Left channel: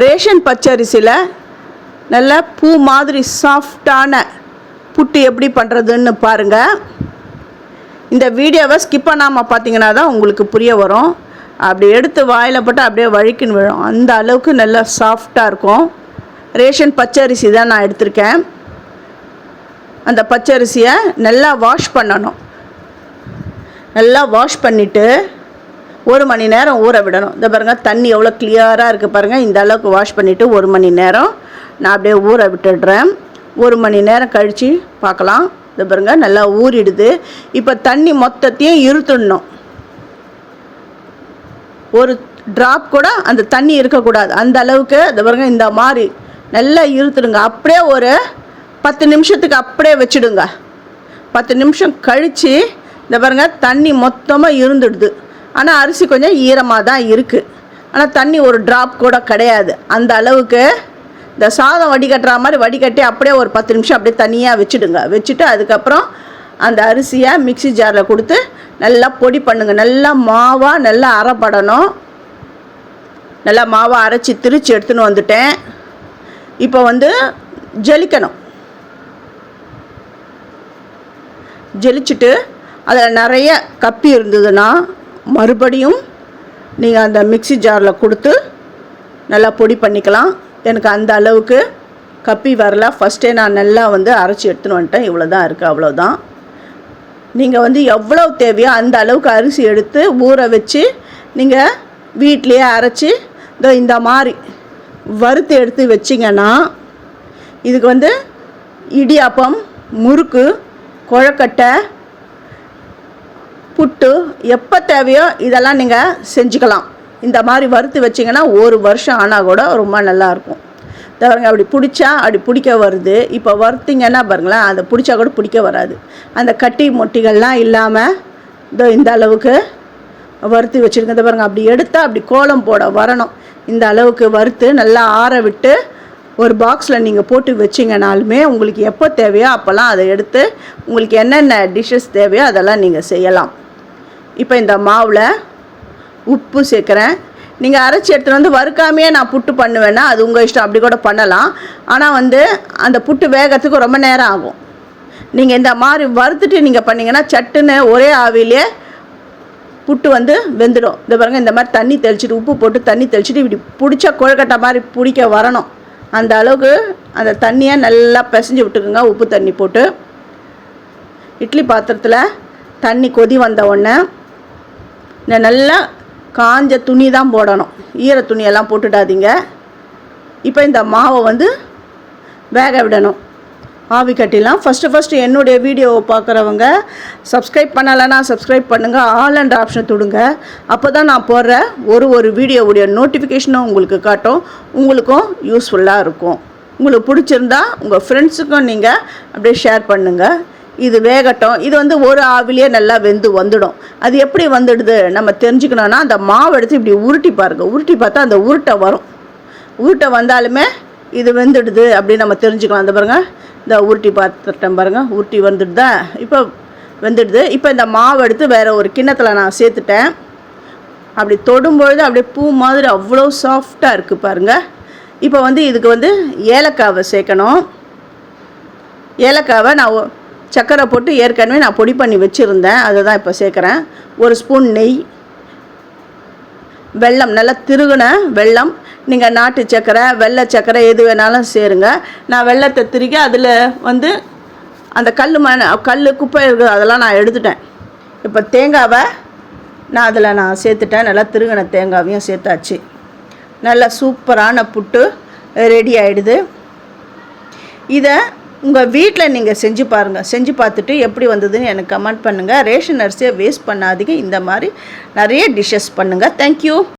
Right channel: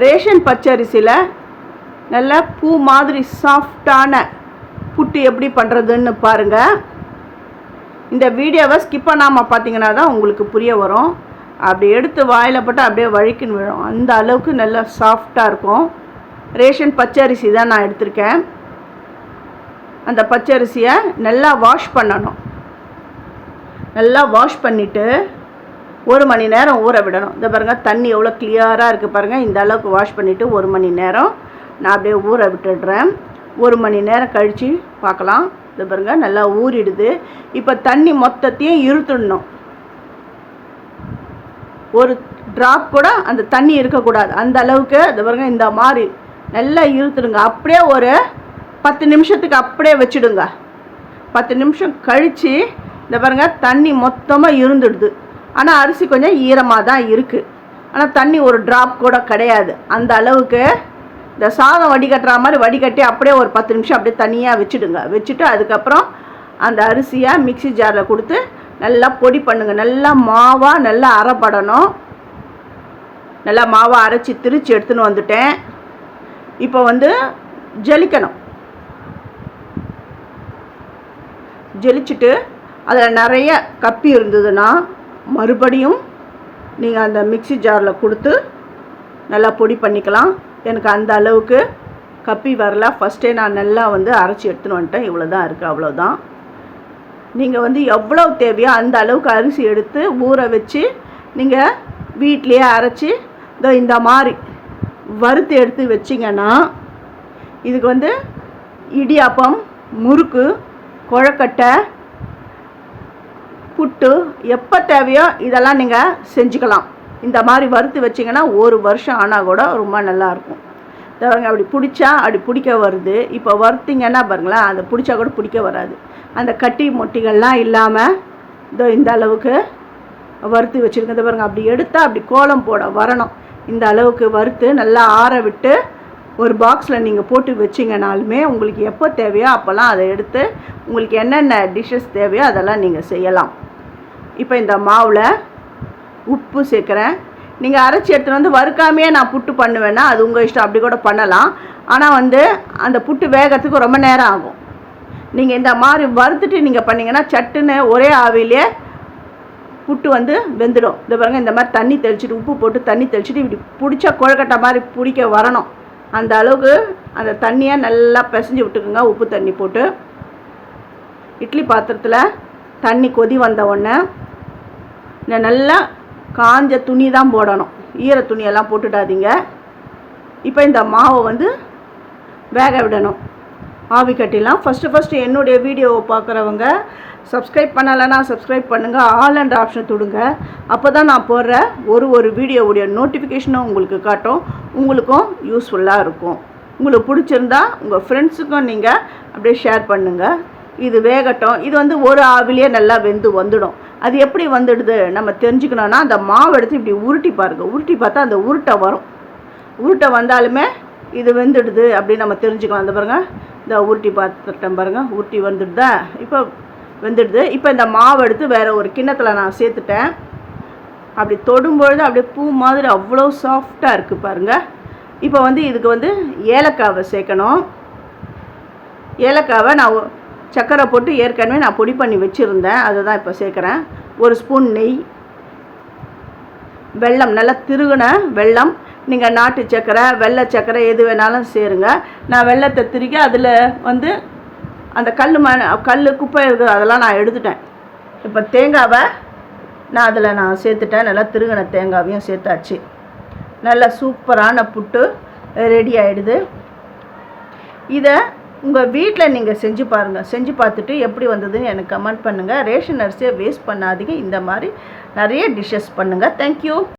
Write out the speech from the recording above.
Ration பச்சரிசியில் நல்லா பூ மாதிரி சாஃப்டான புட்டு எப்படி பண்ணுறதுன்னு பாருங்கள். இந்த வீடியோவை ஸ்கிப் பண்ணாமல் பார்த்தீங்கன்னா தான் உங்களுக்கு புரிய வரும். அப்படி எடுத்து வாயில் போட்டு அப்படியே வழுக்கின்னு விழும். அந்த அளவுக்கு நல்லா சாஃப்டாக இருக்கும். ரேஷன் பச்சரிசி தான் நான் எடுத்திருக்கேன். அந்த பச்சரிசியை நல்லா வாஷ் பண்ணணும். நல்லா வாஷ் பண்ணிவிட்டு 1 மணி நேரம் ஊற விடணும். இந்த பாருங்கள், தண்ணி எவ்வளோ கிளியராக இருக்குது பாருங்கள். இந்த அளவுக்கு வாஷ் பண்ணிவிட்டு 1 மணி நேரம் நான் அப்படியே ஊற விட்டுடுறேன். 1 மணி நேரம் கழித்து பார்க்கலாம். இந்த பாருங்கள், நல்லா ஊறிடுது. இப்போ தண்ணி மொத்தத்தையும் இழுத்துடணும். ஒரு ட்ராப் கூட அந்த தண்ணி இருக்கக்கூடாது. அந்த அளவுக்கு இந்த பாருங்கள், இந்த மாதிரி நல்லா இழுத்துடுங்க. அப்படியே ஒரு 10 நிமிஷத்துக்கு அப்படியே வச்சுடுங்க. 10 நிமிஷம் கழித்து இந்த பாருங்கள், தண்ணி மொத்தமாக இருந்துடுது. ஆனால் அரிசி கொஞ்சம் ஈரமாக தான் இருக்குது. ஆனால் தண்ணி ஒரு ட்ராப் கூட கிடையாது. அந்த அளவுக்கு இந்த சாதம் வடிகட்டுற மாதிரி வடிகட்டி அப்படியே ஒரு 10 நிமிஷம் அப்படியே தனியாக வச்சுடுங்க. வச்சுட்டு அதுக்கப்புறம் அந்த அரிசியை மிக்ஸி ஜாரில் கொடுத்து நல்லா பொடி பண்ணுங்கள். நல்லா மாவாக நல்லா அரைப்படணும். நல்லா மாவாக அரைச்சி திரிச்சு எடுத்துன்னு வந்துட்டேன். இப்போ ஜலிக்கணும். ஜலிச்சுட்டு அதில் நிறைய கப்பி இருந்ததுன்னா மறுபடியும் நீங்கள் அந்த மிக்ஸி ஜாரில் கொடுத்து நல்லா பொடி பண்ணிக்கலாம். எனக்கு அந்த அளவுக்கு கப்பி வரல. ஃபஸ்ட்டே நான் நல்லா அரைச்சி எடுத்துன்னு வந்துட்டேன். இவ்வளோ தான் இருக்குது, அவ்வளோதான். நீங்கள் எவ்வளோ தேவையோ அந்த அளவுக்கு அரிசி எடுத்து ஊற வச்சு நீங்கள் வீட்லேயே அரைச்சி இந்த மாதிரி வறுத்து எடுத்து வச்சிங்கன்னா இதுக்கு இடியாப்பம், முறுக்கு, கொழக்கட்டை, புட்டு எப்போ தேவையோ இதெல்லாம் நீங்கள் செஞ்சுக்கலாம். இந்த மாதிரி வறுத்து வச்சிங்கன்னா 1 வருஷம் ஆனால் கூட ரொம்ப நல்லாயிருக்கும். பாருங்க, அப்படி பிடிச்சா அப்படி பிடிக்க வருது. இப்போ வறுத்திங்கன்னா பாருங்களேன், அதை பிடிச்சா கூட பிடிக்க வராது. அந்த கட்டி மொட்டிகள்லாம் இல்லாமல் இந்த அளவுக்கு வறுத்து வச்சுருக்கேன். பாருங்கள், அப்படி எடுத்தால் அப்படி கோலம் போட வரணும். இந்த அளவுக்கு வறுத்து நல்லா ஆற விட்டு ஒரு பாக்ஸில் நீங்கள் போட்டு வச்சிங்கனாலுமே உங்களுக்கு எப்போ தேவையோ அப்போல்லாம் அதை எடுத்து உங்களுக்கு என்னென்ன டிஷ்ஷஸ் தேவையோ அதெல்லாம் நீங்கள் செய்யலாம். இப்போ இந்த மாவில் உப்பு சேர்க்குறேன். நீங்கள் அரைச்சி எடுத்துகிட்டு வறுக்காமையே நான் புட்டு பண்ணுவேன்னா அது உங்கள் இஷ்டம், அப்படி கூட பண்ணலாம். ஆனால் அந்த புட்டு வேகிறதுக்கு ரொம்ப நேரம் ஆகும். நீங்கள் இந்த மாதிரி வறுத்துட்டு நீங்கள் பண்ணிங்கன்னா சட்டுன்னு ஒரே ஆவிலே புட்டு வெந்துடும். இந்த பாருங்கள், இந்த மாதிரி தண்ணி தெளிச்சிட்டு உப்பு போட்டு தண்ணி தெளிச்சிட்டு இப்படி பிடிச்சா கொழுக்கட்டை மாதிரி பிடிக்க வரணும். அந்த அளவுக்கு அந்த தண்ணியை நல்லா பிசைஞ்சு விட்டுக்குங்க. உப்பு தண்ணி போட்டு இட்லி பாத்திரத்தில் தண்ணி கொதி வந்த உடனே நல்லா காஞ்ச துணி தான் போடணும். ஈர துணியெல்லாம் போட்டுடாதீங்க. இப்போ இந்த மாவை வேக விடணும். ஆவி கட்டிலாம். ஃபஸ்ட்டு என்னுடைய வீடியோவை பார்க்குறவங்க சப்ஸ்கிரைப் பண்ணலைன்னா சப்ஸ்கிரைப் பண்ணுங்கள். ஆல் அண்ட் ஆப்ஷன் தொடுங்க. அப்போ தான் நான் போடுற ஒரு வீடியோவுடைய நோட்டிஃபிகேஷனும் உங்களுக்கு காட்டும். உங்களுக்கும் யூஸ்ஃபுல்லாக இருக்கும். உங்களுக்கு பிடிச்சிருந்தா உங்கள் ஃப்ரெண்ட்ஸுக்கும் நீங்கள் அப்படியே ஷேர் பண்ணுங்கள். இது வேகட்டும். இது ஒரு ஆவிலே நல்லா வெந்து வந்துடும். அது எப்படி வந்துடுது நம்ம தெரிஞ்சுக்கணுன்னா அந்த மாவு எடுத்து இப்படி உருட்டி பாருங்கள். உருட்டி பார்த்தா அந்த உருட்டை வரும். உருட்டை வந்தாலுமே இது வெந்துடுது அப்படின்னு நம்ம தெரிஞ்சுக்கலாம். அந்த பாருங்கள், இந்த உருட்டி பார்த்துட்டேன் பாருங்கள், உருட்டி வந்துடுதா. இப்போ வெந்துடுது. இப்போ இந்த மாவு எடுத்து வேறு ஒரு கிண்ணத்தில் நான் சேர்த்துட்டேன். அப்படி தொடும்பொழுது அப்படியே பூ மாதிரி அவ்வளோ சாஃப்டாக இருக்குது பாருங்கள். இப்போ இதுக்கு ஏலக்காவை சேர்க்கணும். ஏலக்காவை நான் சர்க்கரை போட்டு ஏற்கனவே நான் பொடி பண்ணி வச்சுருந்தேன். அதை தான் இப்போ சேர்க்குறேன். 1 ஸ்பூன் நெய், வெல்லம், நல்லா திருகுன வெல்லம். நீங்கள் நாட்டு சர்க்கரை, வெள்ளை சர்க்கரை எது வேணாலும் சேருங்க. நான் வெள்ளத்தை திருகி அதில் அந்த கல் குப்பை இருக்குது அதெல்லாம் நான் எடுத்துட்டேன். இப்போ தேங்காவை நான் சேர்த்துட்டேன். நல்லா திருகின தேங்காவையும் சேர்த்தாச்சு. நல்லா சூப்பரான புட்டு ரெடி ஆகிடுது. இதை உங்கள் வீட்டில் நீங்கள் செஞ்சு பாருங்கள். செஞ்சு பார்த்துட்டு எப்படி வந்ததுன்னு எனக்கு கமெண்ட் பண்ணுங்கள். ரேஷன் அரிசியை வேஸ்ட் பண்ணாதீங்க. இந்த மாதிரி நிறைய டிஷ்ஷஸ் பண்ணுங்கள். தேங்க்யூ.